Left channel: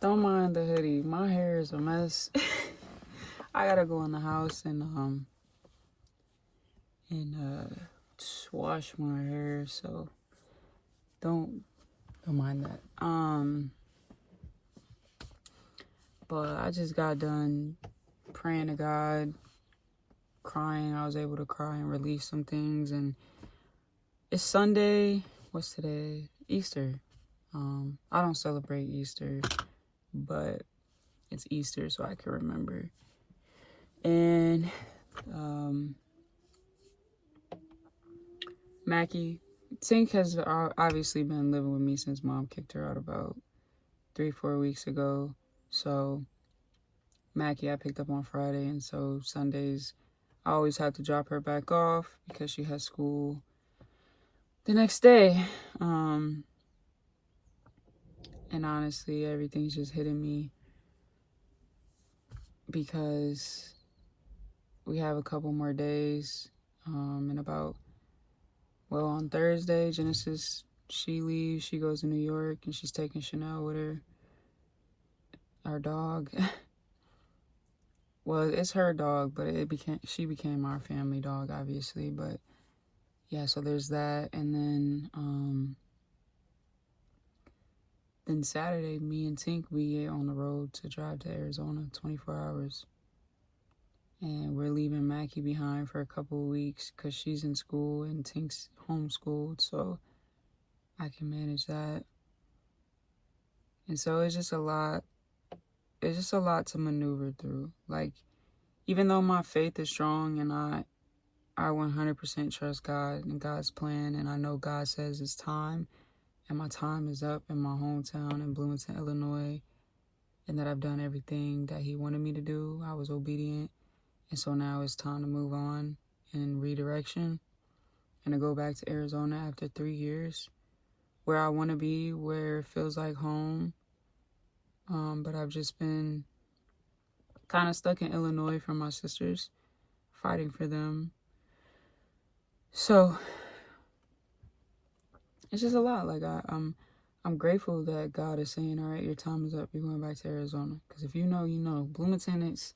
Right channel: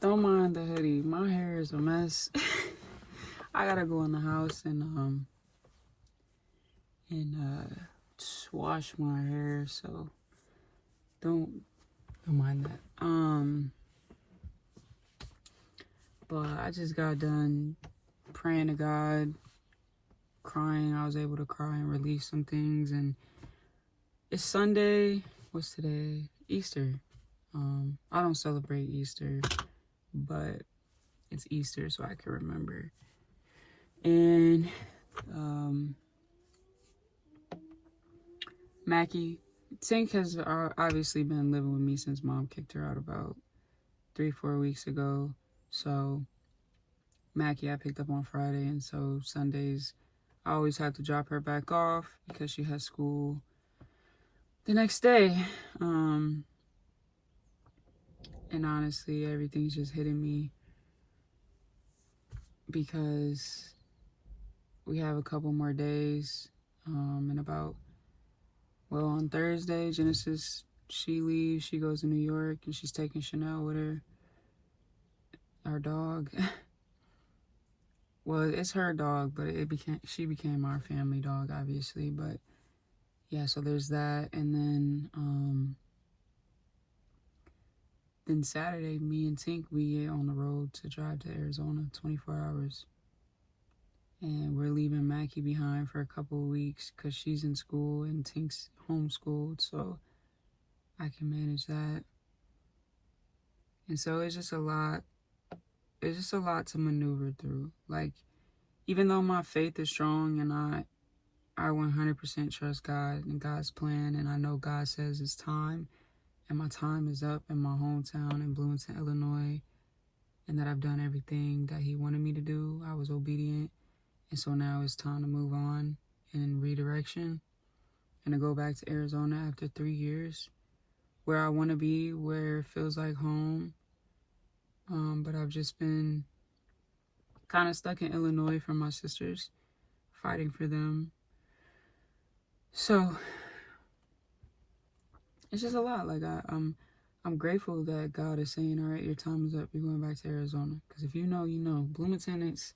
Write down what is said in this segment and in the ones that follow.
Don't mind the hoodie. My hair is a mess. I gotta go in the house and wash my hair. So don't mind that. But I just got done praying to God, crying. I was able to cry and release some things. And it's Sunday. What's today? Easter. I don't celebrate Easter, but it's Easter, so I can remember. And Mackie, Tink has obviously been living with me since Mom kicked her out about 3-4 weeks ago. So Mackie I picked up on Friday, and so Sundays I always have to drop her back off because she has school the next day. And honestly, everything's just hitting me because we have a couple more days. And on Thursday, Genesis, she leaves. She goes to New York, and she's taking Chanel with her, our dog. Well, it's her dog, but she became our family dog, obviously. But yeah, so there's that, and then Saturday, me and Tink, we get on the road to drive to Arizona, 24 hours. And we're leaving Mackie behind for a couple of weeks because she's in school and Tink's homeschooled, so I can manage that. And so it's just a lot. It's just a lot to maneuver through. Like, even though my faith is strong and I 100% trust God and God's plan, and I know God says it's time, and my time is up in my hometown in Bloomington, Illinois, and that I've done everything that He wanted me to do. I was obedient, and so now it's time to move on in redirection and to go back to Arizona after 3 years, where I want to be, where it feels like home. But I've just been kind of stuck in Illinois for my sisters, fighting for them. So it's just a lot. Like I'm grateful that God is saying, all right, your time is up. You're going back to Arizona. Because if you know, you know. Bloomington, it's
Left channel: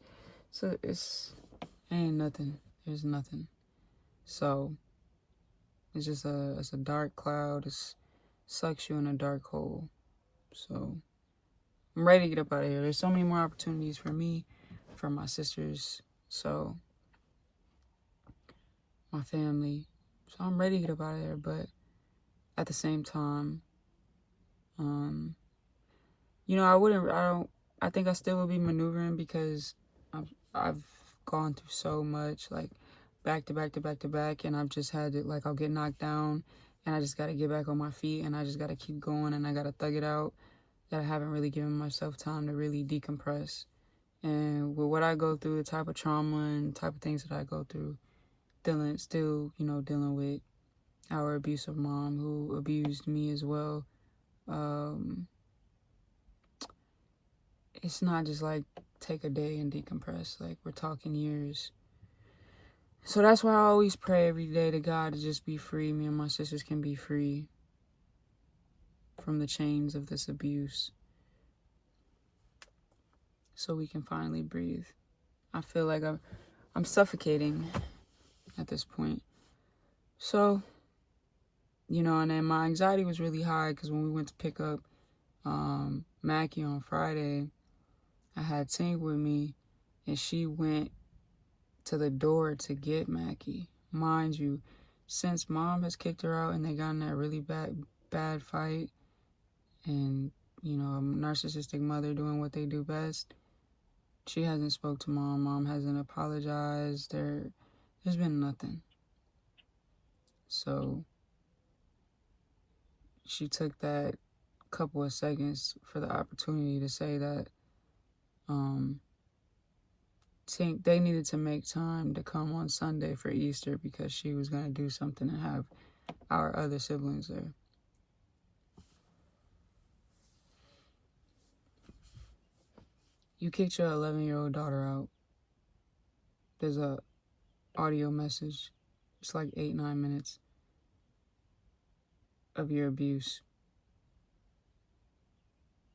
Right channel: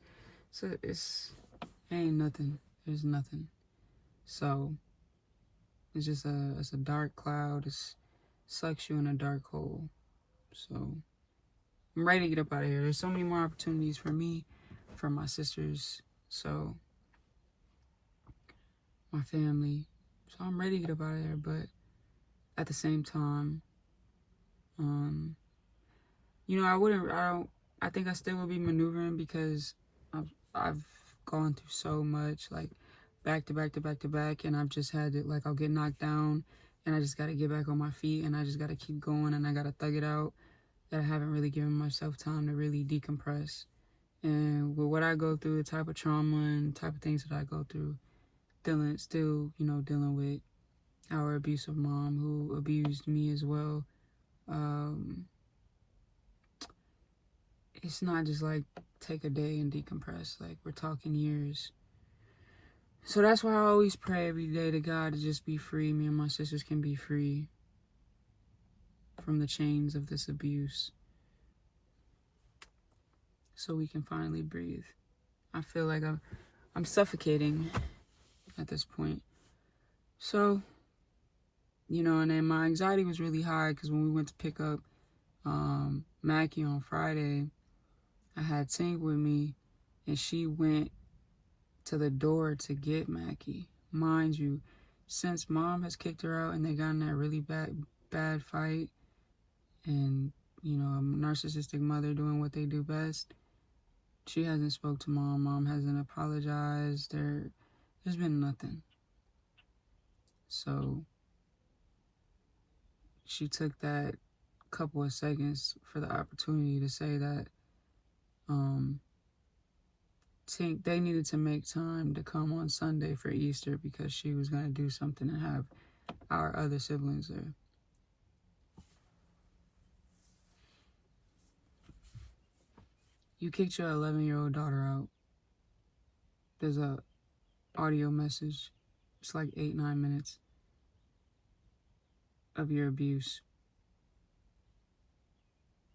ain't nothing. There's nothing. So it's just it's a dark cloud. It sucks you in a dark hole. So I'm ready to get up out of here. There's so many more opportunities for me, for my sisters, so my family. So I'm ready to get up out of there. But at the same time, I think I still would be maneuvering because I've gone through so much, like back to back to back to back, and I've just had to, like, I'll get knocked down and I just got to get back on my feet and I just got to keep going and I got to thug it out, that I haven't really given myself time to really decompress. And with what I go through, the type of trauma and type of things that I go through, dealing with our abusive mom who abused me as well. It's not just like take a day and decompress. Like, we're talking years. So that's why I always pray every day to God to just be free. Me and my sisters can be free from the chains of this abuse, so we can finally breathe. I feel like I'm suffocating at this point. So, and then my anxiety was really high because when we went to pick up Mackie on Friday, I had Tink with me, and she went to the door to get Mackie. Mind you, since Mom has kicked her out and they got in that really bad fight, and a narcissistic mother doing what they do best, she hasn't spoke to Mom. Mom hasn't apologized. There's been nothing. So she took that couple of seconds for the opportunity to say that Tink, they needed to make time to come on Sunday for Easter because she was going to do something and have our other siblings there. You kicked your 11-year-old daughter out. There's a audio message. It's like 8-9 minutes of your abuse.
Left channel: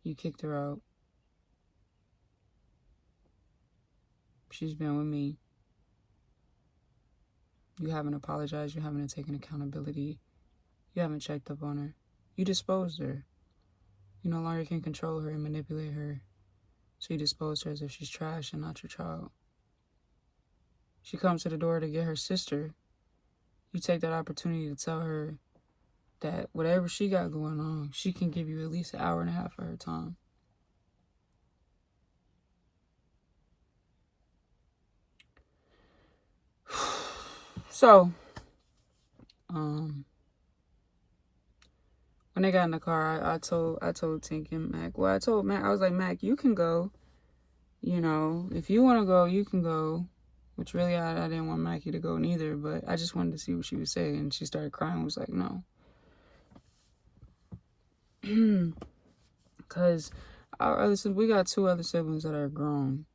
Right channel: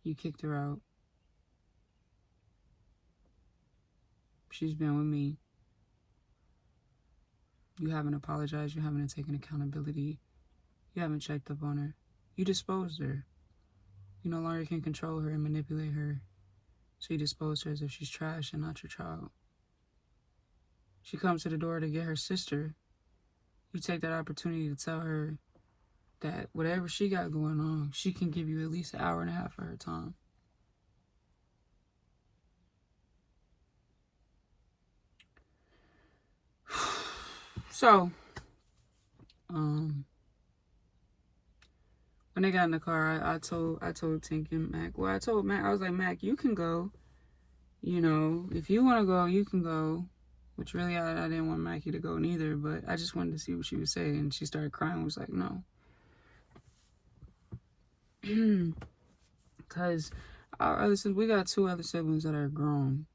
You kicked her out. she's been with me. You haven't apologized. You haven't taken accountability. You haven't checked up on her. You disposed her. You no longer can control her and manipulate her. So you dispose her as if she's trash and not your child. She comes to the door to get her sister. You take that opportunity to tell her that whatever she got going on, she can give you at least an hour and a half of her time. So, when they got in the car, I told Tink and Mac. Well, I told Mac, I was like, Mac, you can go. You know, if you want to go, you can go. Which really, I didn't want Mackie to go neither, but I just wanted to see what she would say. And she started crying. Was like, no. Because we got 2 other siblings that are grown.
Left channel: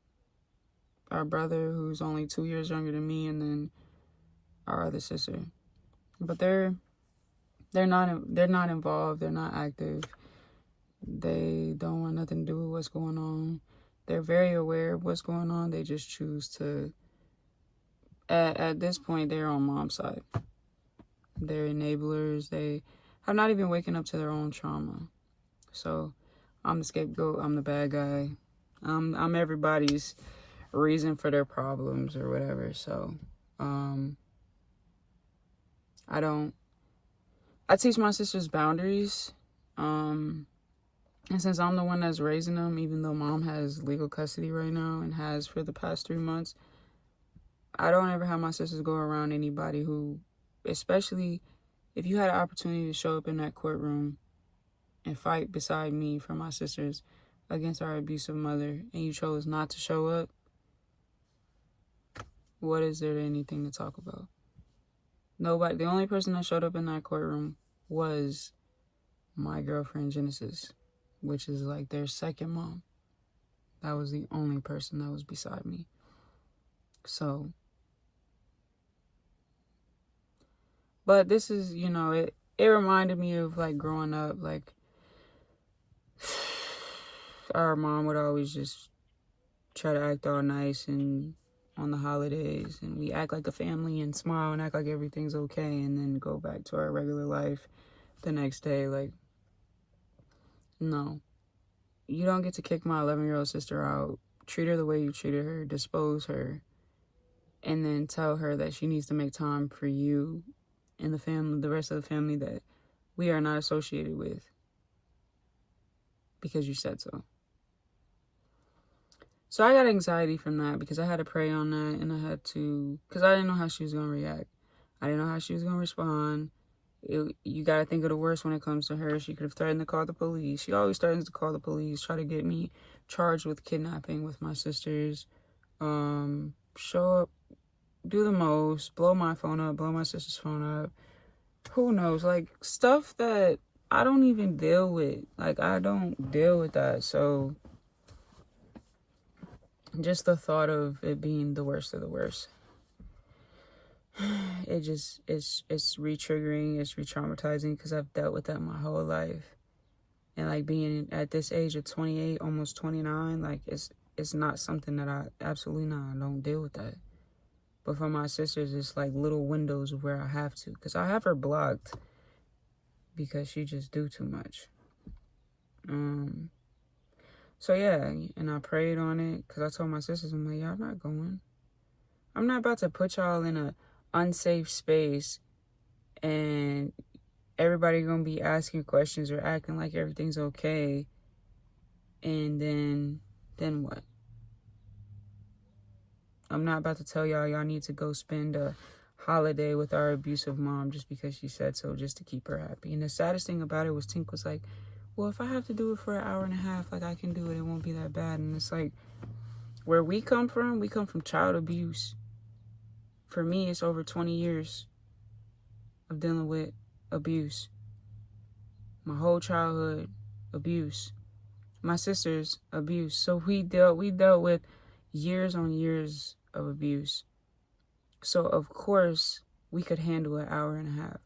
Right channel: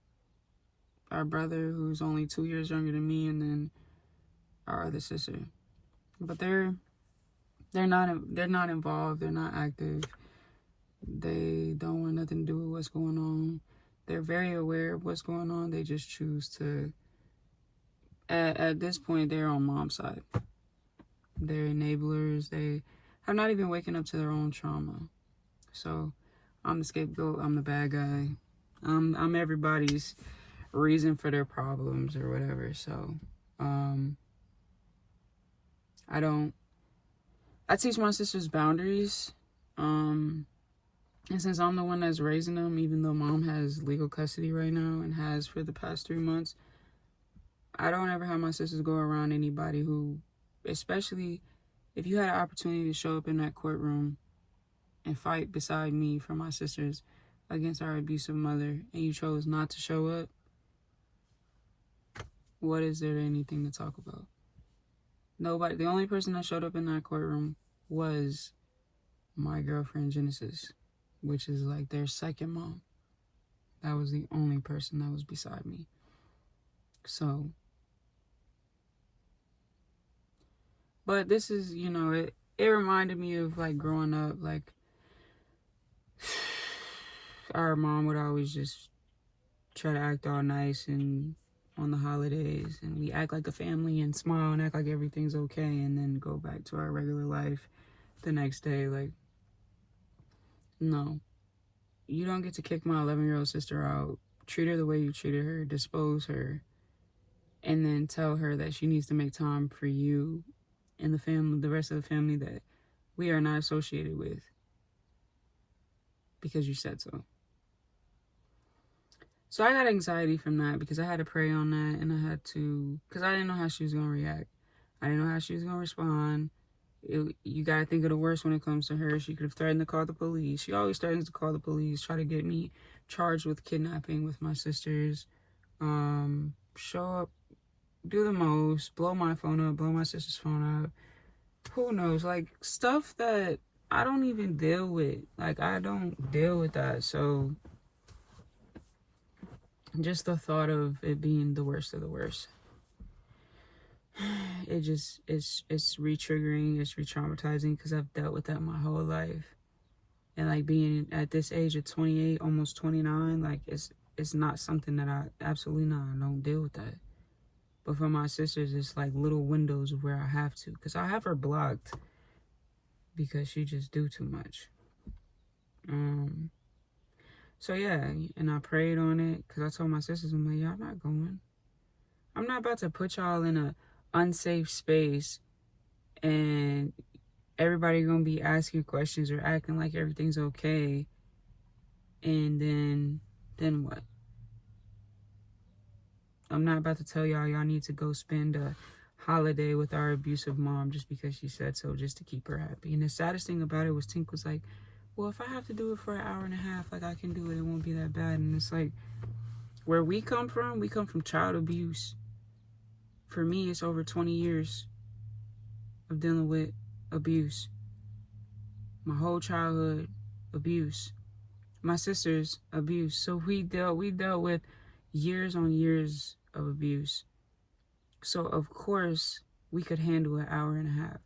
Our brother, who's only 2 years younger than me, and then our other sister. But they're not involved. They're not active. They don't want nothing to do with what's going on. They're very aware of what's going on. They just choose to. At this point, they're on mom's side. They're enablers. They have not even waken up to their own trauma. So, I'm the scapegoat. I'm the bad guy. I'm everybody's reason for their problems or whatever. So, I teach my sisters boundaries. And since I'm the one that's raising them, even though mom has legal custody right now and has for the past 3 months, I don't ever have my sisters go around anybody who, especially if you had an opportunity to show up in that courtroom and fight beside me for my sisters against our abusive mother, and you chose not to show up, what is there anything to talk about? Nobody. The only person that showed up in that courtroom was my girlfriend Genesis, which is like their second mom. That was the only person that was beside me. So, but this is, it reminded me of like growing up, like our mom would always just try to act all nice and on the holidays, and we act like a family and smile and act like everything's okay, and then go back to our regular life the next day. Like, no, you don't get to kick my 11-year-old sister out, treat her the way you treated her, dispose her, and then tell her that she needs to make time for you and the family, the rest of the family that we are not associated with, because you said so. So I got anxiety from that because I had to pray on that, and I had to, because I didn't know how she was going to react. I didn't know how she was going to respond. You got to think of the worst when it comes to her. She could have threatened to call the police. She always threatens to call the police, try to get me charged with kidnapping with my sisters. Show up, do the most, blow my phone up, blow my sister's phone up. Who knows? Like, stuff that I don't even deal with. Like, I don't deal with that. So, just the thought of it being the worst of the worst. It's re-triggering, it's re-traumatizing, because I've dealt with that my whole life. And like being at this age of 28, almost 29, like it's not something that I don't deal with that. But for my sisters, it's like little windows of where I have to, because I have her blocked because she just do too much. So yeah, and I prayed on it, because I told my sisters, I'm like, y'all not going. I'm not about to put y'all in a unsafe space and everybody gonna be asking questions or acting like everything's okay, and then what? I'm not about to tell y'all need to go spend a holiday with our abusive mom just because she said so, just to keep her happy. And the saddest thing about it was Tink was like, well, if I have to do it for an hour and a half, like, I can do it, it won't be that bad. And it's like, where we come from child abuse. For me, it's over 20 years of dealing with abuse. My whole childhood, abuse. My sister's abuse. So we dealt with years on years of abuse. So of course we could handle an hour and a half.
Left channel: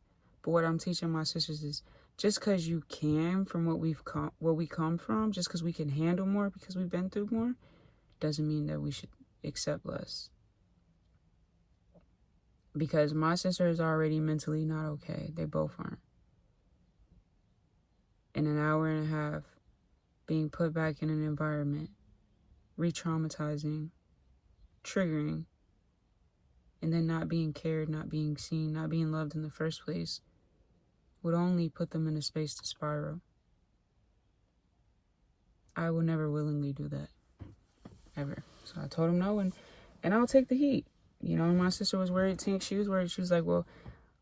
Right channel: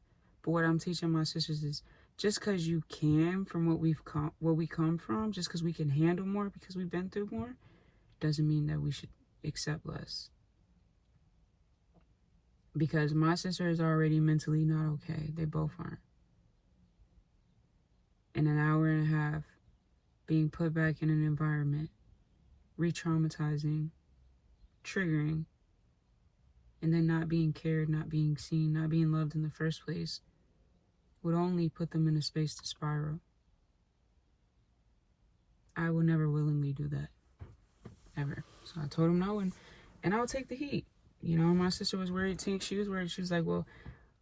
But what I'm teaching my sisters is, just because you can, from where we come from, just because we can handle more because we've been through more, doesn't mean that we should accept less. Because my sister is already mentally not okay. They both aren't. In an hour and a half, being put back in an environment, re-traumatizing, triggering, and then not being cared, not being seen, not being loved in the first place, would only put them in a space to spiral. I will never willingly do that. Ever. So I told him no, and I'll take the heat. You know, my sister was worried. She was worried. She was like, well,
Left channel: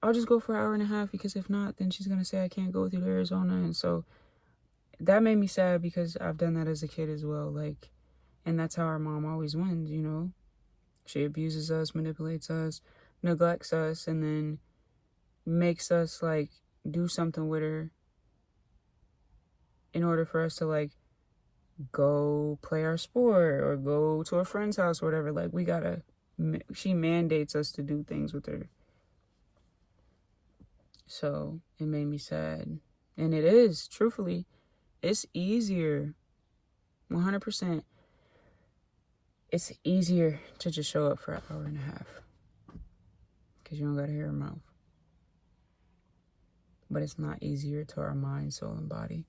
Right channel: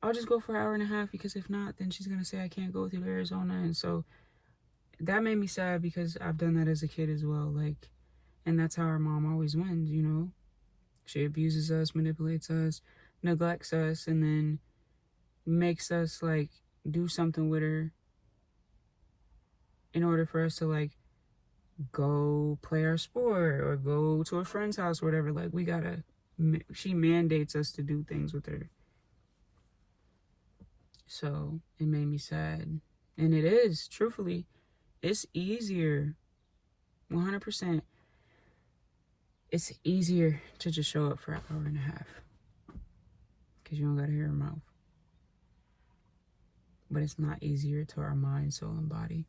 I'll just go for an hour and a half, because if not, then she's going to say I can't go with you to Arizona. And so that made me sad, because I've done that as a kid as well. Like, and that's how our mom always wins, you know. She abuses us, manipulates us, neglects us, and then makes us, like, do something with her in order for us to, like, go play our sport or go to a friend's house or whatever. Like, she mandates us to do things with her. So it made me sad. And it is, truthfully, it's easier, 100%. It's easier to just show up for an hour and a half, because you don't got to hear her mouth. But it's not easier to our mind, soul, and body.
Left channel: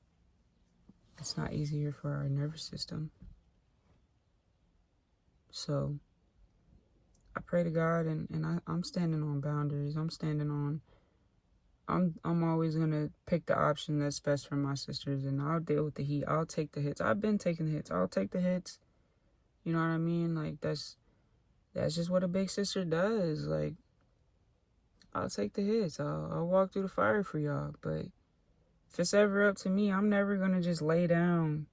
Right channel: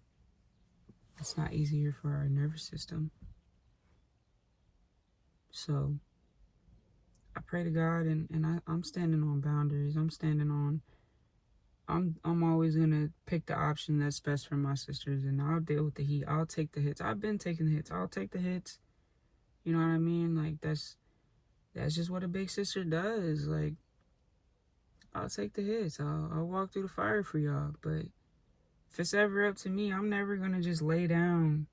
It's not easier for our nervous system. So I pray to God, and I'm standing on boundaries. I'm always going to pick the option that's best for my sisters, and I'll deal with the heat. I'll take the hits. I've been taking the hits. I'll take the hits. You know what I mean? Like, that's just what a big sister does. Like, I'll take the hits. I'll walk through the fire for y'all. But if it's ever up to me, I'm never going to just lay down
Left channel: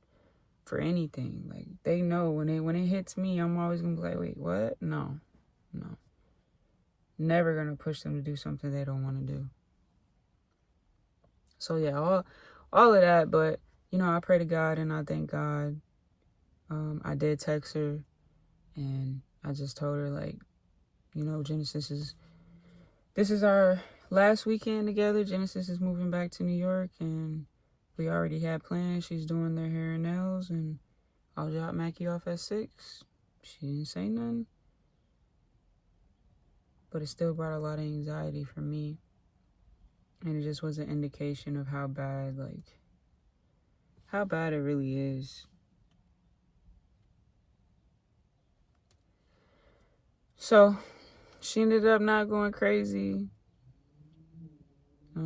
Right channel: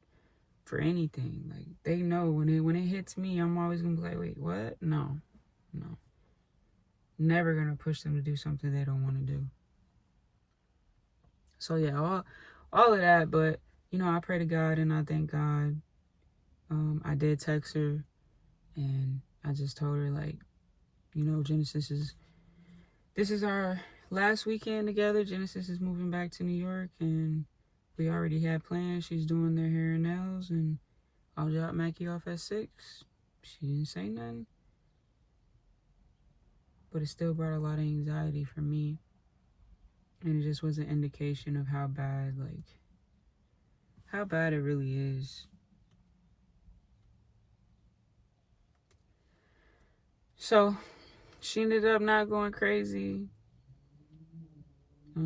for anything. Like, they know when it hits me, I'm always going to be like, wait, what? No. Never going to push them to do something they don't want to do. So yeah, all of that. But, you know, I pray to God and I thank God. I did text her, and I just told her, like, you know, this is our last weekend together. Genesis is moving back to New York, and we already had plans. She's doing their hair and nails, and I'll drop Mackie off at 6. She didn't say nothing, but it still brought a lot of anxiety for me, and it just was an indication of how bad it really is. So she ended up not going crazy. I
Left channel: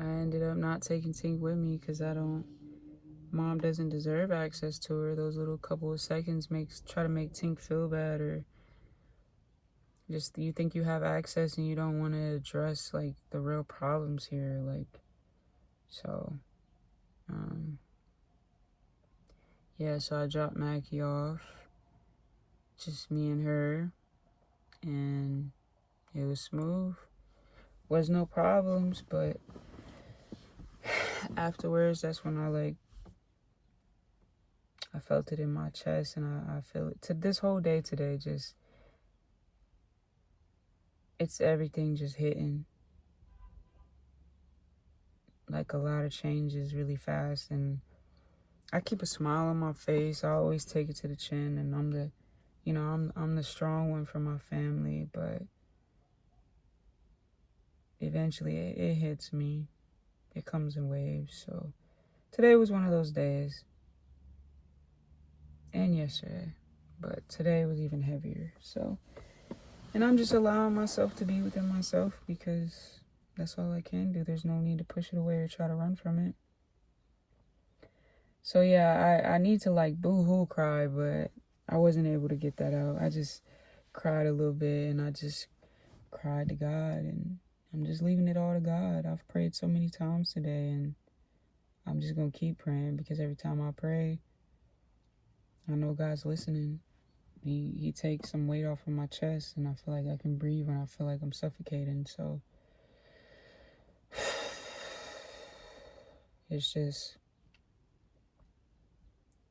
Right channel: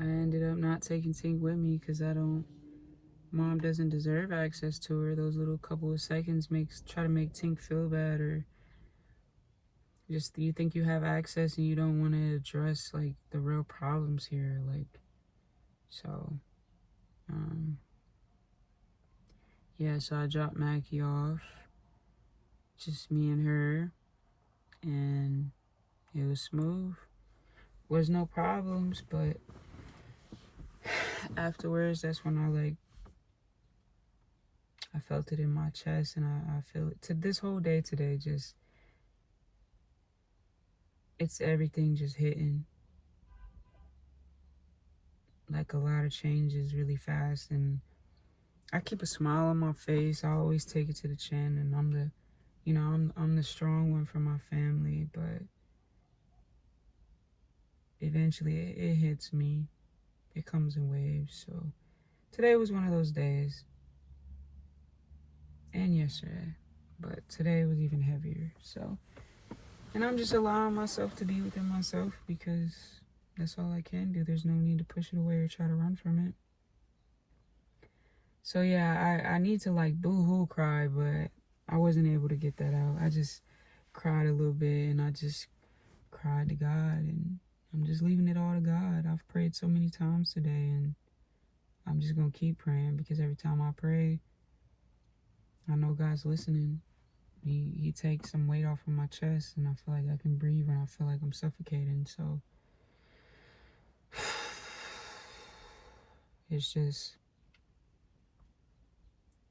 ended up not taking Tink with me, because Mom doesn't deserve access to her. Those little couple of seconds try to make Tink feel bad, or just you think you have access and you don't want to address, like, the real problems here. Like, so yeah, so I dropped Mackie off, just me and her, and it was smooth. Was no problems, but afterwards, that's when I felt it in my chest, and I feel it to this whole day today. Just, it's everything just hitting. Like, a lot of changes really fast, and I keep a smile on my face. I always take it to the chin, and I'm the strong one for my family, but eventually it hits me. It comes in waves. So today was one of those days, and yesterday, but today was even heavier. So, and I'm just allowing myself to be within myself, because that's all I can do. There's no need to push it away or try to run from it. So yeah, I need to, like, boo-hoo cry, but I wasn't able to get that out. I just cried a little bit, and I just cried to God, and I'm just leaving it all to God. I've prayed so many times today, and I'm just going to keep praying, because every time I pray, I know God's listening. He takes some weight off of my chest, and I feel like I can breathe when I feel like I'm suffocating. So it's just,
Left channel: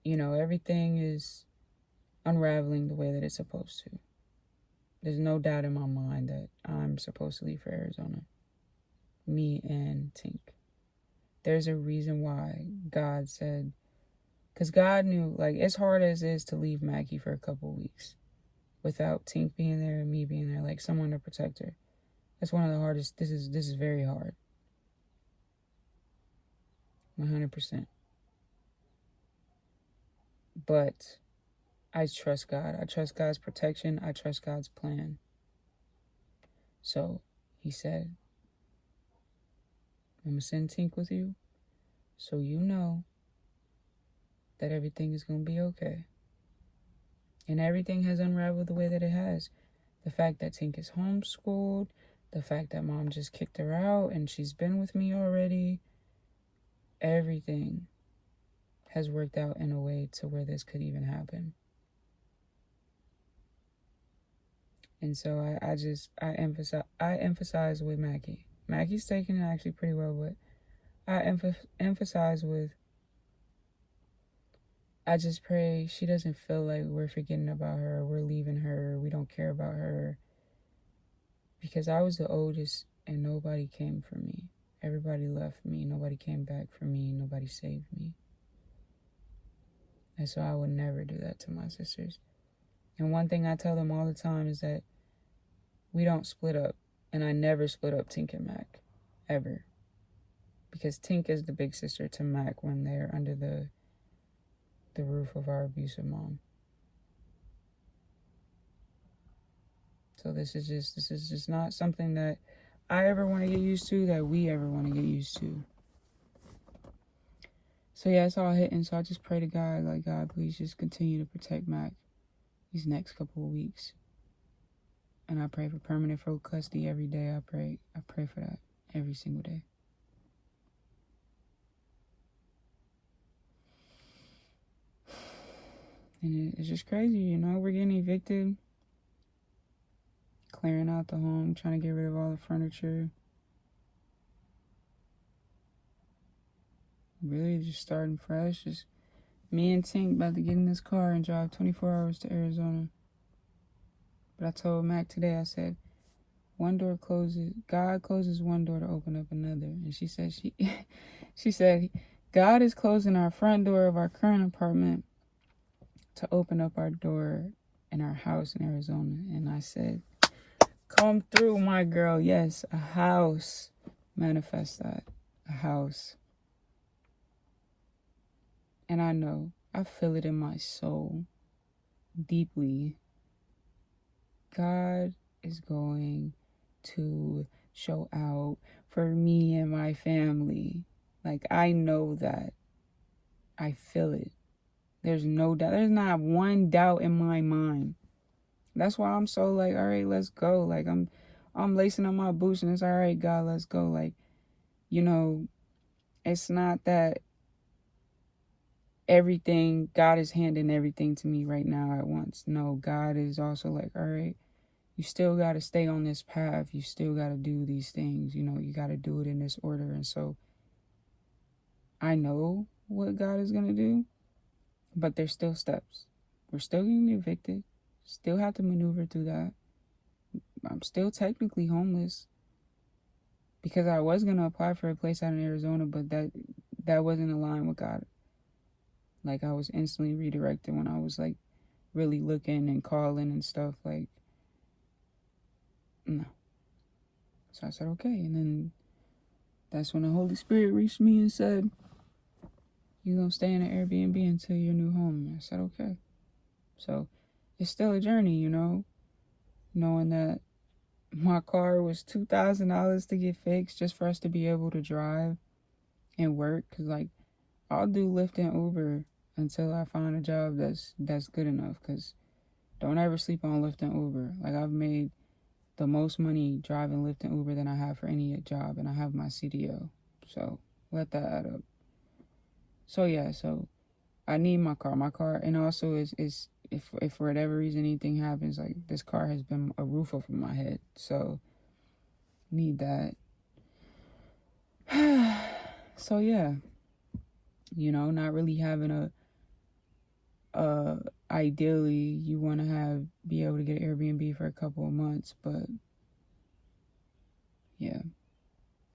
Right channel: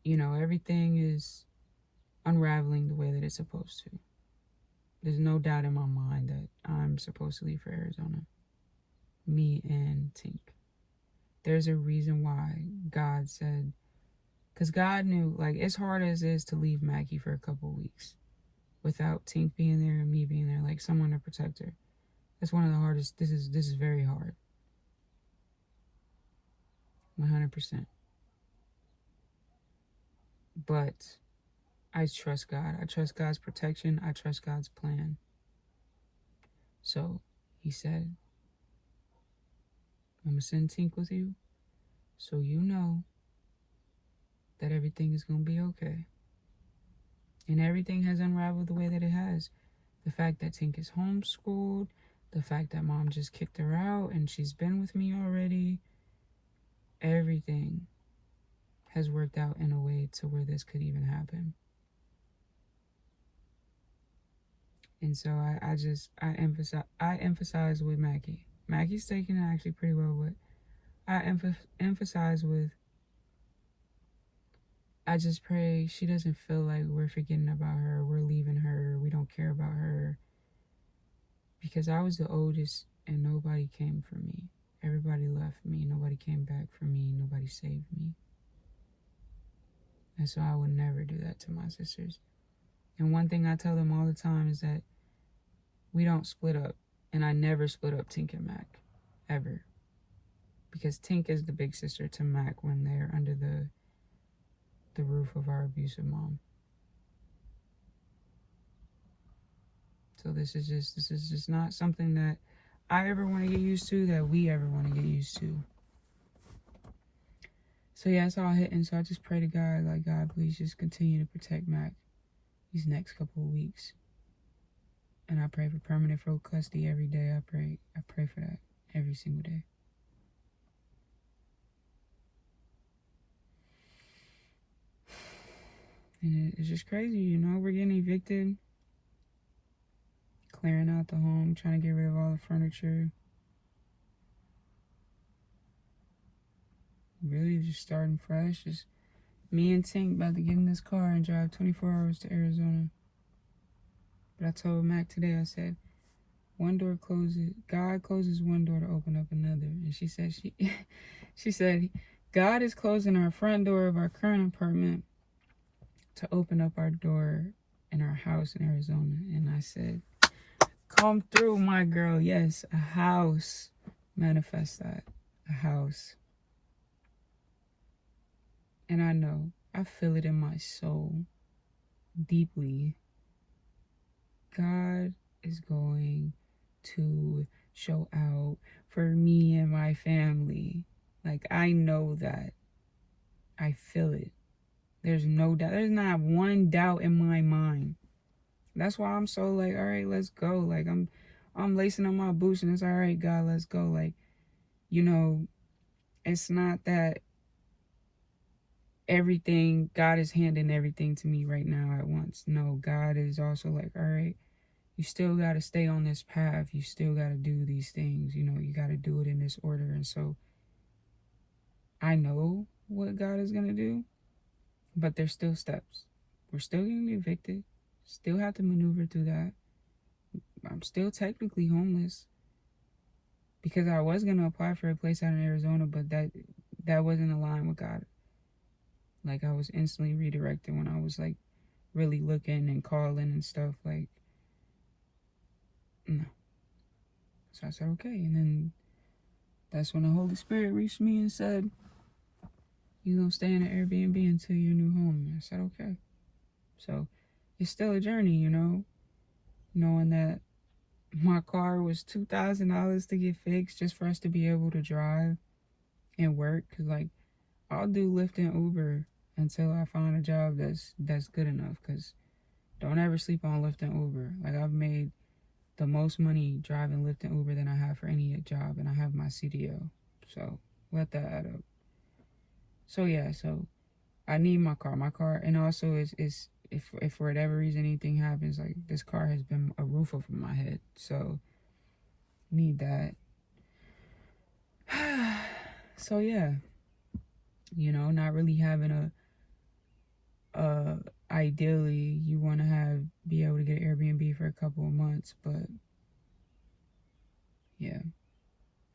you know, everything is unraveling the way that it's supposed to. There's no doubt in my mind that I'm supposed to leave for Arizona. Me and Tink. There's a reason why God said Because God knew, like, as hard as it is to leave Mackie for a couple weeks without Tink being there and me being there, like someone to protect her. That's one of the hardest. This is very hard. 100%. But I trust God. I trust God's protection. I trust God's plan. So he said, I'm going to send Tink with you so you know that everything is going to be okay. And everything has unraveled the way that it has. The fact that Tink is homeschooled, the fact that mom just kicked her out and she's been with me already, everything has worked out in a way to where this could even happen. And so I emphasize with Mackie. Mackie's taking it actually pretty well, but I emphasize with, I just pray she doesn't feel like we're forgetting about her, we're leaving her, we don't care about her. Because I was the oldest and nobody came for me. Everybody left me. Nobody came back for me. Nobody saved me. And so I would never do that to my sisters. And one thing I tell them all the time is that we don't split up. And I never split up Tink and Mac. Ever. Because Tink is the big sister to Mac when they're under the roof of our abusive mom. So this is just not something that I ever want to get used to, that we ever want to get used to. So yeah, it's all hitting. So I just pray to God, like, God, please just continue to protect Mac these next couple of weeks. And I pray for permanent full custody every day. I pray for that every single day. And it's just crazy, you know, we're getting evicted, clearing out the home, trying to get rid of all the furniture. Really just starting fresh. Just me and Tink about to get in this car and drive 24 hours to Arizona. But I told Mac today, I said, one door closes, God closes one door to open up another. And she said, she said, God is closing our front door of our current apartment to open up our door in our house in Arizona. And I said, come through, my girl. Yes, a house. Manifest that. A house. And I know, I feel it in my soul deeply. God is going to show out for me and my family. Like, I know that. I feel it. There's no doubt. There's not one doubt in my mind. That's why I'm so like, all right, let's go. Like, I'm lacing up my boots and it's all right, God, let's go. Like, you know, it's not that everything, God is handing everything to me right now at once. No, God is also like, all right, you still got to stay on this path. You still got to do these things. You know, you got to do it in this order. And so I know what God is going to do, but there's still steps. We're still getting evicted. Still have to maneuver through that. I'm still technically homeless because I was going to apply for a place out in Arizona, but that wasn't aligned with God. Like, I was instantly redirected when I was like really looking and calling and stuff. Like, no. So I said, okay. And then that's when the Holy Spirit reached me and said, you're going to stay in an Airbnb until your new home. And I said, okay. So it's still a journey, you know, knowing that my car was $2,000 to get fixed just for us to be able to drive and work. Because, like, I'll do Lyft and Uber until I find a job that's good enough. Because don't ever sleep on Lyft and Uber. Like, I've made the most money driving Lyft and Uber than I have for any job, and I have my CDL. So let that add up. So yeah, so I need my car. My car, and also is if for whatever reason anything happens, like, this car has been a roof over my head. So need that. So yeah, you know, not really having a ideally you want to be able to get an Airbnb for a couple of months, but yeah,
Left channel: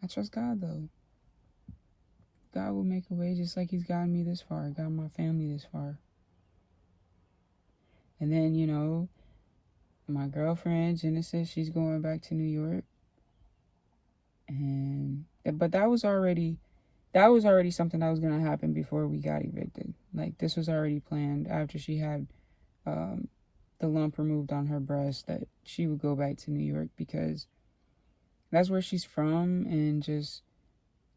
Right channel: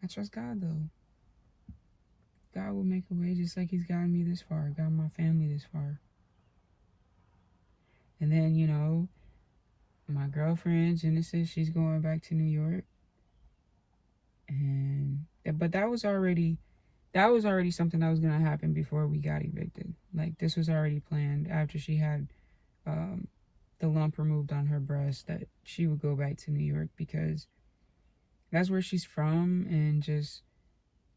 I trust God though. God will make a way, just like he's gotten me this far, got my family this far. And then, you know, my girlfriend, Genesis, she's going back to New York. But that was already something that was going to happen before we got evicted. Like, this was already planned after she had the lump removed on her breast, that she would go back to New York because that's where she's from, and just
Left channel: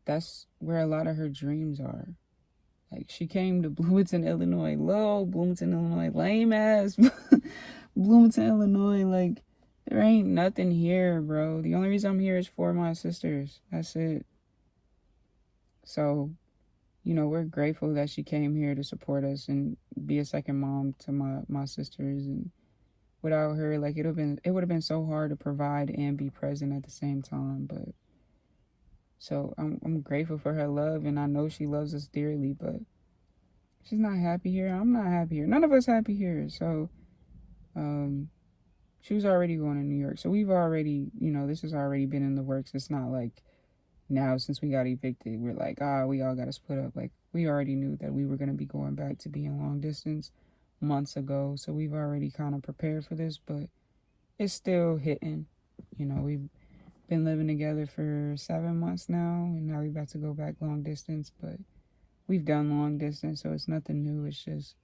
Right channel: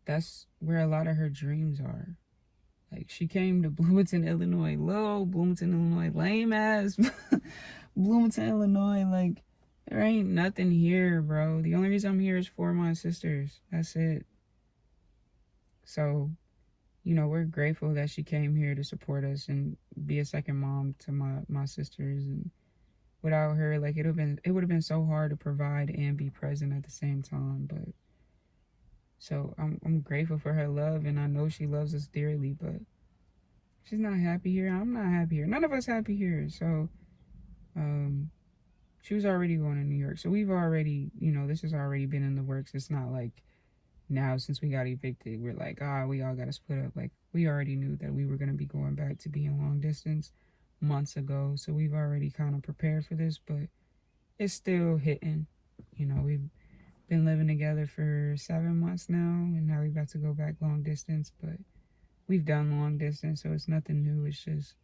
that's where a lot of her dreams are. Like, she came to Bloomington, Illinois. Bloomington, Illinois. Lame ass Bloomington, Illinois. Like, there ain't nothing here, bro. The only reason I'm here is for my sisters. That's it. So, you know, we're grateful that she came here to support us and be a second mom to my sisters. And without her, like, it would have been so hard to provide and be present at the same time. But so I'm grateful for her love, and I know she loves us dearly, but she's not happy here. I'm not happy here. None of us happy here. So she was already going to New York. So we've already, you know, this has already been in the works. It's not like now, since we got evicted, we're like, we all got to split up. Like, we already knew that we were going to be going back to being long distance months ago. So we've already kind of prepared for this, but it's still hitting. You know, we've been living together for 7 months now, and now we're about to go back long distance. But we've done long distance, so it's nothing new. It's just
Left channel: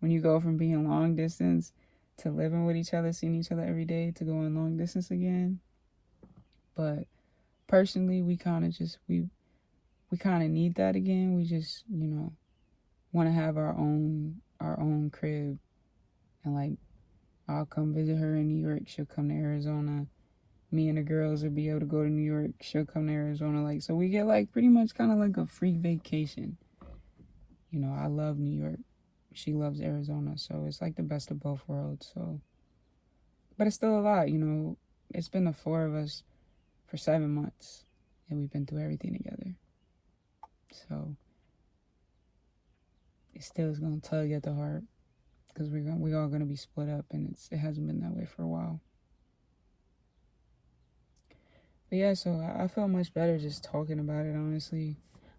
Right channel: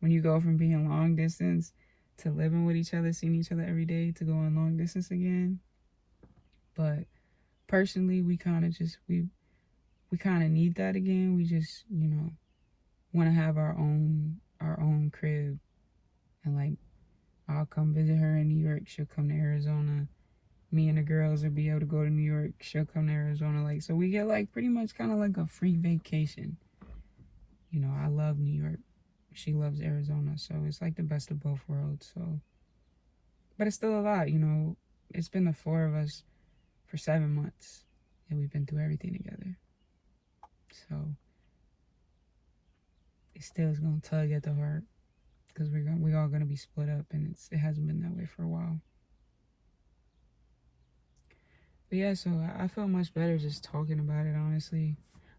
when you go from being long distance to living with each other, seeing each other every day, to going long distance again. But personally, we kind of need that again. We just, you know, want to have our own crib, and like, I'll come visit her in New York, she'll come to Arizona. Me and the girls will be able to go to New York, she'll come to Arizona. Like, so we get like pretty much kind of like a free vacation. You know, I love New York, she loves Arizona, so it's like the best of both worlds. So, but it's still a lot, you know. It's been the 4 of us for 7 months, and we've been through everything together. So it still is gonna tug at the heart, because we're all gonna be split up, and it hasn't been that way for a while. But yeah, so I feel much better just talking about it, honestly.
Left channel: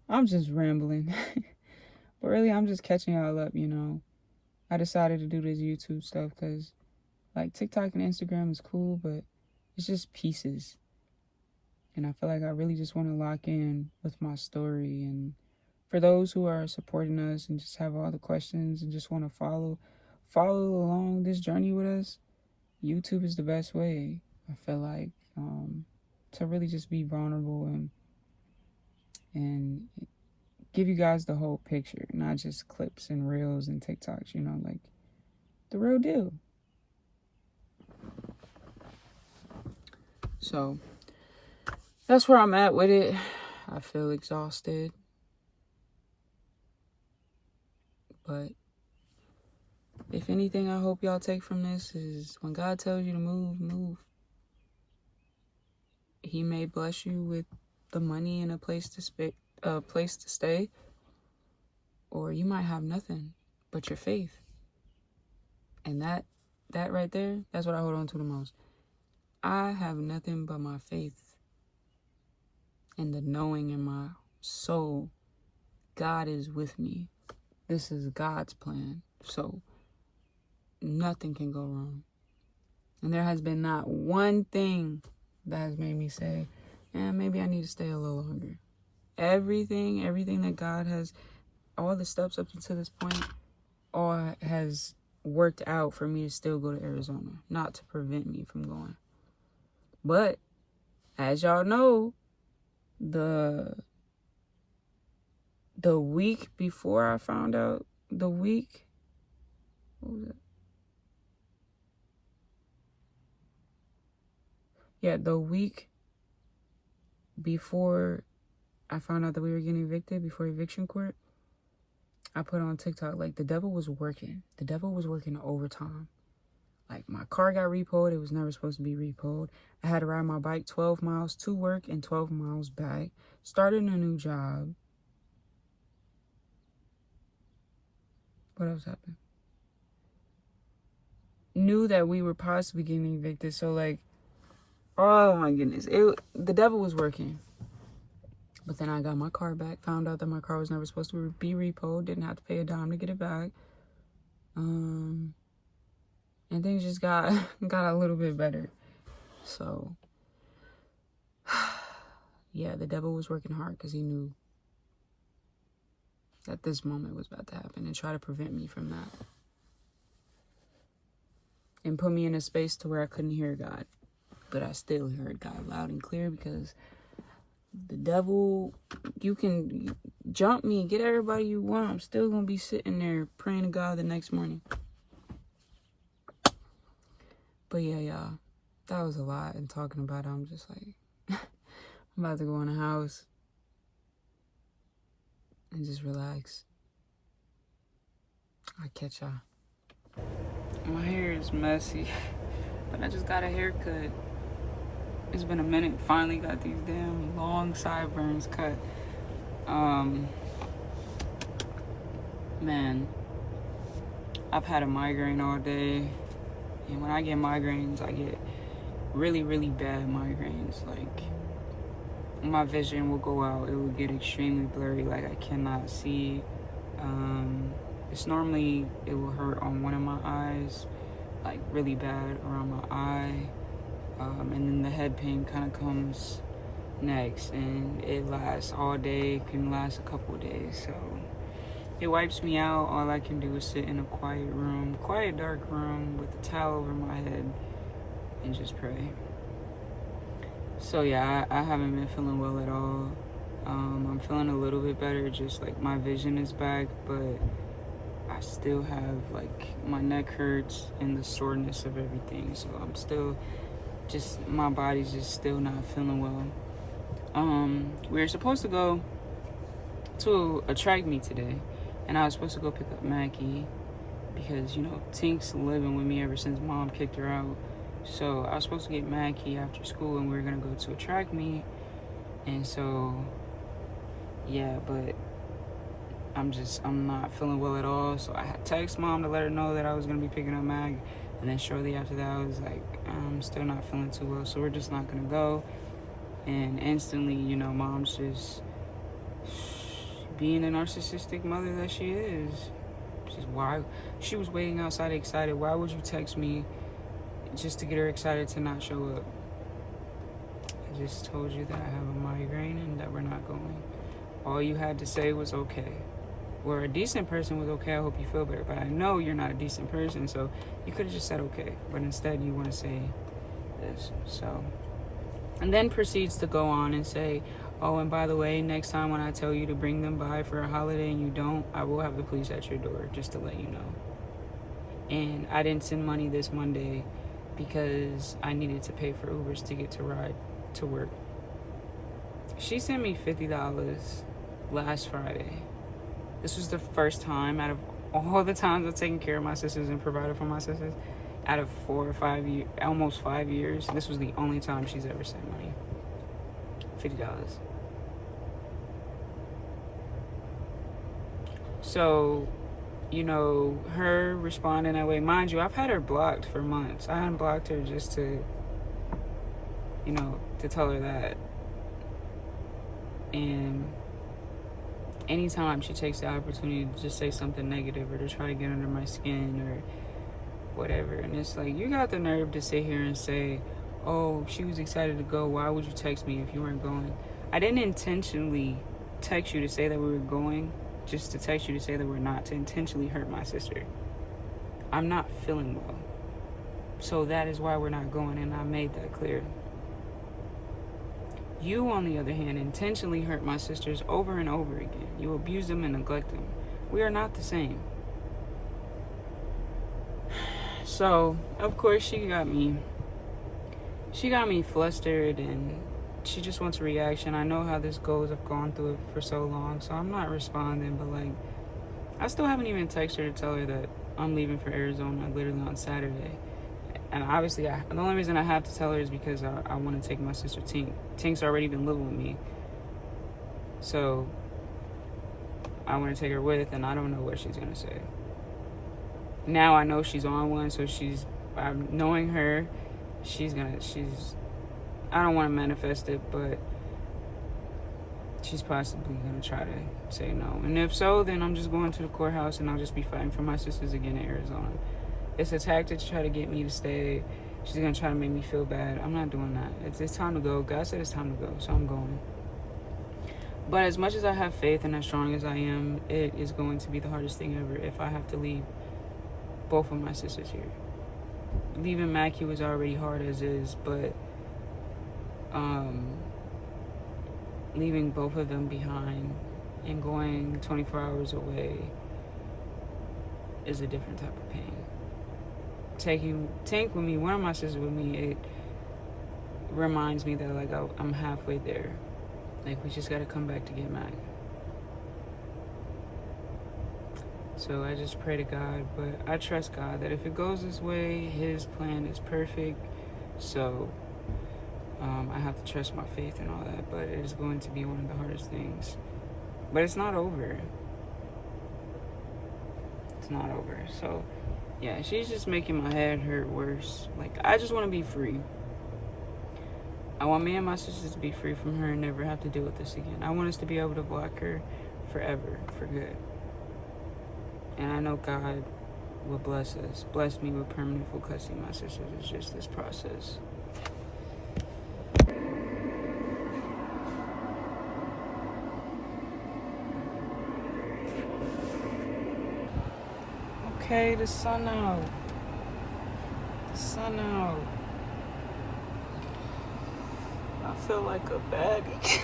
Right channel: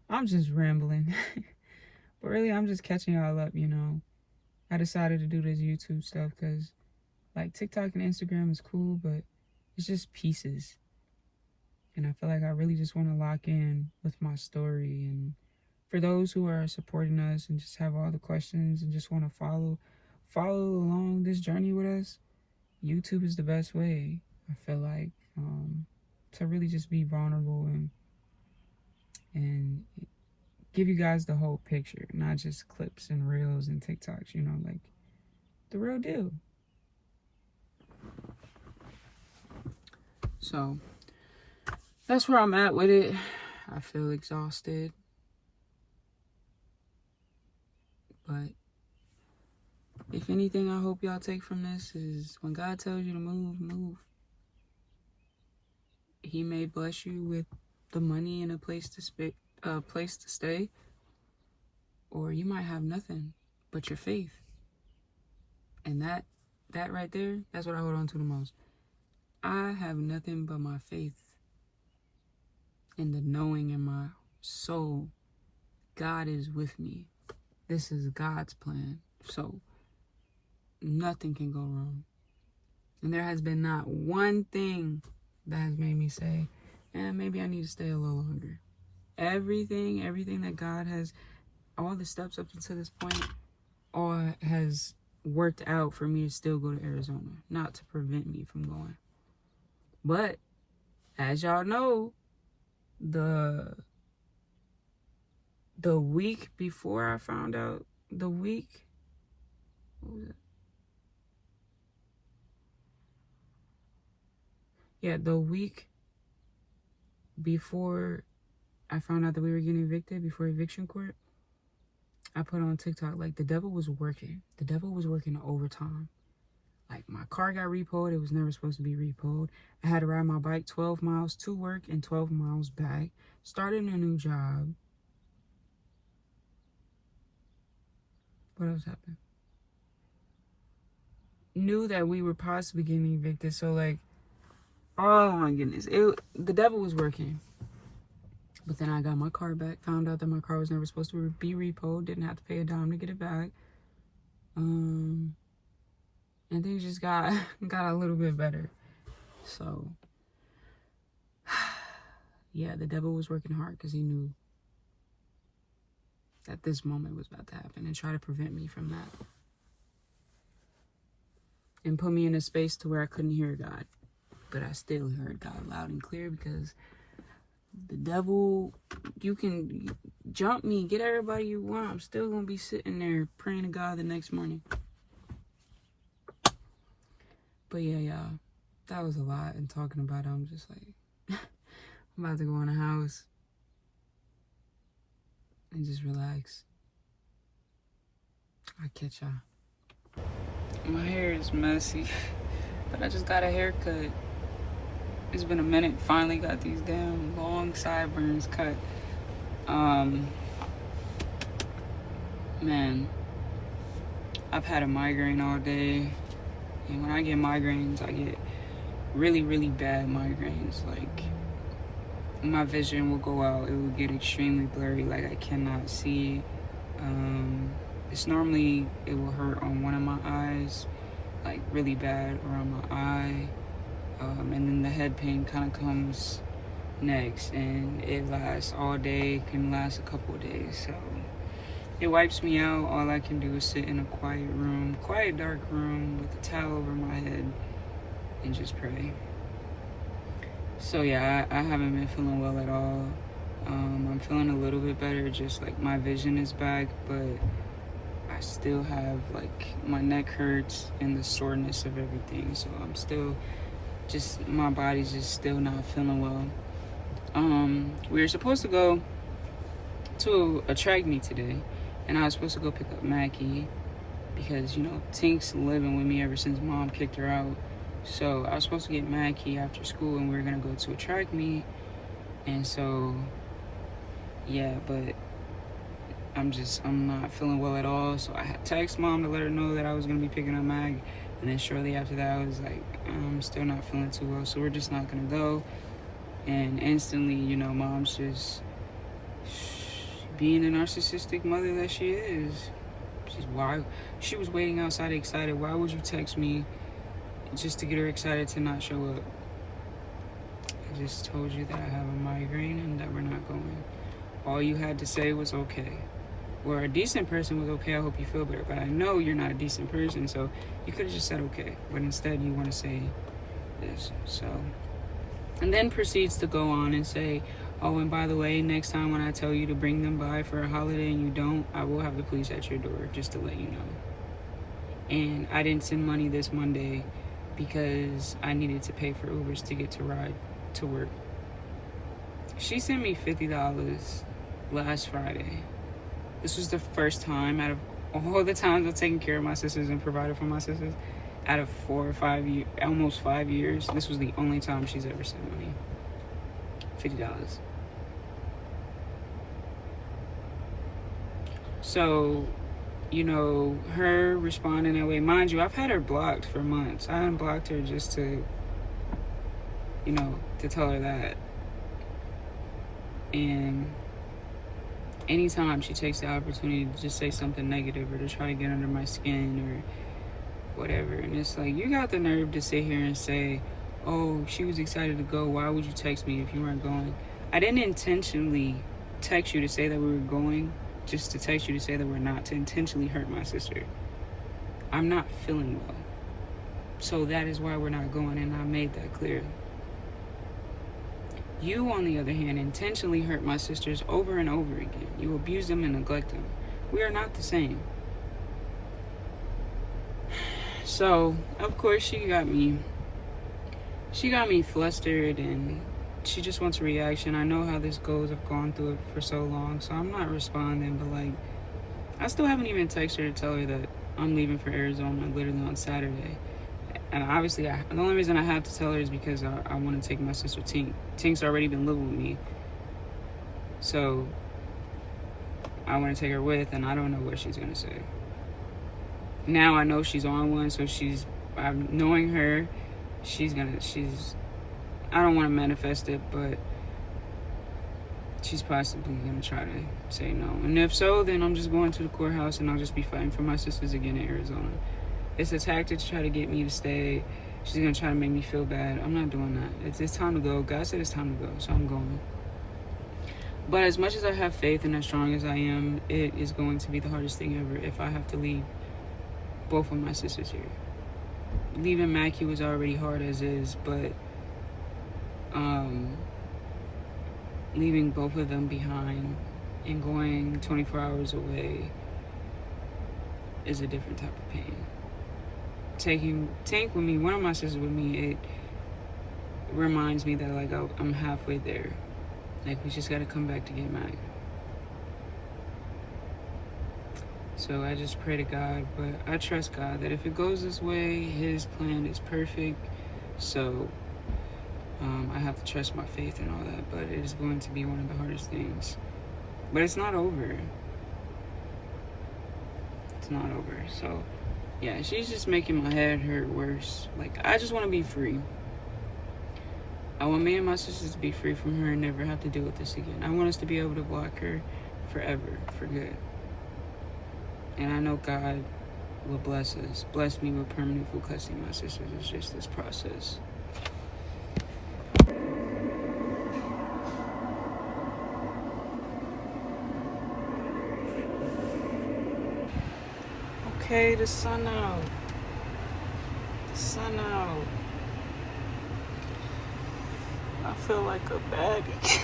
I'm just rambling. But really, I'm just catching y'all up, you know. I decided to do this YouTube stuff because, like, TikTok and Instagram is cool, but it's just pieces. And I feel like I really just want to lock in with my story. And for those who are supporting us and just have all the questions and just want to follow along this journey with us, YouTube is the best way, I feel like, to really just be vulnerable and give you guys the whole picture, not just clips and reels and TikToks, you know, like the real deal. So that's where I'm at with it. I feel exhausted, but if anything I hope y'all take from this is, when God tells you to move. He may bless you with the money and a place to stay, or you might have nothing but your faith. And that right there, that's what I hold on to the most. I have nothing but my faith and the knowing in my soul, God is with me. This is God's plan. So nothing can go wrong. And there has been not one thing that has made me say, maybe I need to stay a little longer. Everything that God has, all the steps up until this point, all has worked out for me to still go to Arizona, not to prevent me from going. But as y'all know, the week before I found out, what was it? Yeah, the week before I found out that we were getting evicted, before eviction court, I put on TikTok, like, the devil was working. The devil was working overtime. Like, my car got repoed. It was never supposed to be repoed. I had to ride my bike 12 miles to work and 12 miles back. Starting a new job. What else happened? Knew that we were possibly getting evicted. So, like, oh my goodness. The devil was working. But then I got my car back, found out that my car was never supposed to be repoed, didn't have to pay a dime to get it back. And things just got a little bit better. So, yeah, the devil was working hard because he knew that this moment was about to happen and try to prevent me from that. And put me in a space to where I couldn't hear God. But I still heard God loud and clear, because the devil, you can jump me, get everybody you want, I'm still going to be sitting there praying to God the next morning. But yeah, y'all, that was a lot. And talking about it, I'm just like, I'm about to go in the house and just relax. I'll catch y'all. My hair is messy, but I just got a haircut. It's been a minute. Finally got these damn long sideburns cut. Man, I've had a migraine all day. And when I get migraines, I get really, really bad migraines. Like, my vision will go out. It will get extremely blurry. Like, I cannot see. It's normally, it will hurt on one of my eyes, like really bad around my eye. And then the head pain kind of comes next, and it lasts all day, can last a couple of days. So it wipes me out. All I can do is sit in a quiet dark room with a towel over my head and just pray. So yeah, I haven't been feeling well at all. I'm feeling a little bit better, just like my vision is back, but I still have, like, my neck hurts and the soreness of everything. So I'm still my body's just still not feeling well. We were supposed to go to a track meet today, and I was supposed to go pick up Mackie because, you know, Tink's living with me ever since Mom kicked her out. So I was supposed to get Mackie after school, and we were gonna go to a track meet. And so, yeah, but I'm not feeling well at all. So I had text Mom to let her know that I was gonna be picking up Mag. And then shortly after that, I was like, I'm still not feeling too well, so we're just not gonna go. And instantly, you know, Mom's just being the narcissistic mother that she is. She was waiting outside excited. Why would you text me just to get her excited to not show up? I just told you that I have a migraine and that we're not going. All you had to say was okay. Where a decent person was okay, I hope you feel better. But I know you're not a decent person, so you could have just said okay. But instead, you want to say this. So, and then proceeds to go on and say, oh, and by the way, next time when I tell you to bring them by for a holiday and you don't, I will have the police at your door, just to let you know. And I didn't send money this Monday because I needed to pay for Ubers to get to ride to work. She sent me $50 last Friday. This was the first time out of all the times I've taken care of my sisters and provided for my sisters, out of 4 or 5 years, almost 5 years, this was the only time she's ever sent money. $50. So, you know, her responding that way, mind you, I've had her blocked for months. I unblocked her just to, you know, to tell her that. And anytime she takes the opportunity to just say something negative or to try to get under my skin or whatever, and it's like, you got the nerve to sit here and say, oh, she was excited to go, why would you text me if you weren't going? I didn't intentionally text you to say that we were going, just to text you to say that we're not, to intentionally hurt my sister. I'm not feeling well, so that is why we're not going, and I made that clear. You, on the other hand, intentionally hurt my sisters over and over again. You abuse them and neglect them. We are not the same. So, of course, she got me flustered, and she just wants a reaction. I know how this goes. I've gone through it for so long, so I'm not responding. But, like, I still haven't even texted her to tell her that I'm leaving for Arizona literally on Saturday. And obviously, the only reason I have to tell her is because I want to take my sister Tink. Tink's already been living with me. So, I want to take her with, and I don't know what she's going to say. Now I know she's on one, so I'm knowing her, I don't want to manifest it, but she's possibly gonna try to say no. And if so, then I'm just going to the courthouse and I'll just be fighting for my sisters again in Arizona. It's a tactic to try to get me to stay. She's gonna try to make me feel bad. I'm not doing that. It's time to go. God said it's time to go, so I'm going. But as much as I have faith and as strong as I am, it is going to be the hardest thing ever if I have to leave both of my sisters here. Leaving Mackie was already hard as is, but leaving both of them behind and going 24 hours away is a different type of pain. Taking Tank with me, one of my sisters with me, it reminds me that like I'm halfway there. Like we just gotta come back to get Mac. So I just pray to God, but I trust God that if it goes this way, His plan is perfect. So I have to trust my faith and all that, but it is going to be one of the hardest things. But it's not over. It's not over. So yeah, she's just making my head hurt worse. Like, I just want to be free. I want me and my sisters to be free from her and never have to deal with this again. I want us to be able to block her forever, for good. And I know God will bless us. Bless me with permanent full custody of my sisters. It's just this process. Okay, the sun out. The sun out. I feel like a baddie.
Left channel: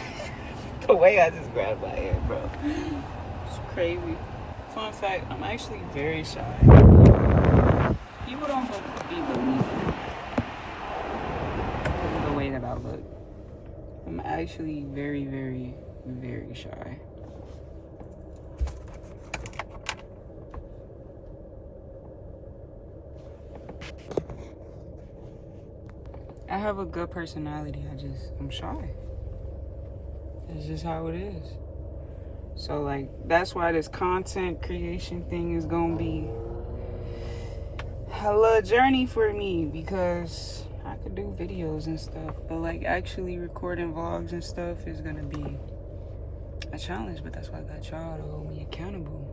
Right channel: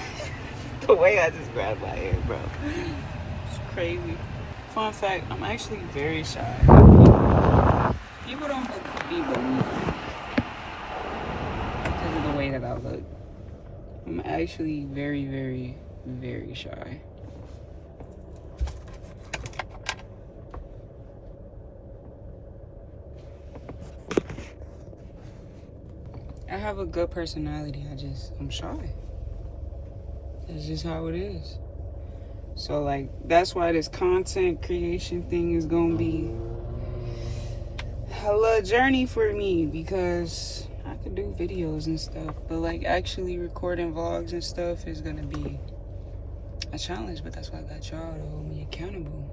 The way I just grabbed my hair, bro. It's crazy. Fun fact, I'm actually very shy. People don't be believing because of the way that I look. I'm actually very, very, very shy. I have a good personality. I'm shy. That's just how it is. So, like, that's why this content creation thing is gonna be hella journey for me, because I could do videos and stuff, but like actually recording vlogs and stuff is gonna be a challenge. But that's why I got y'all to hold me accountable.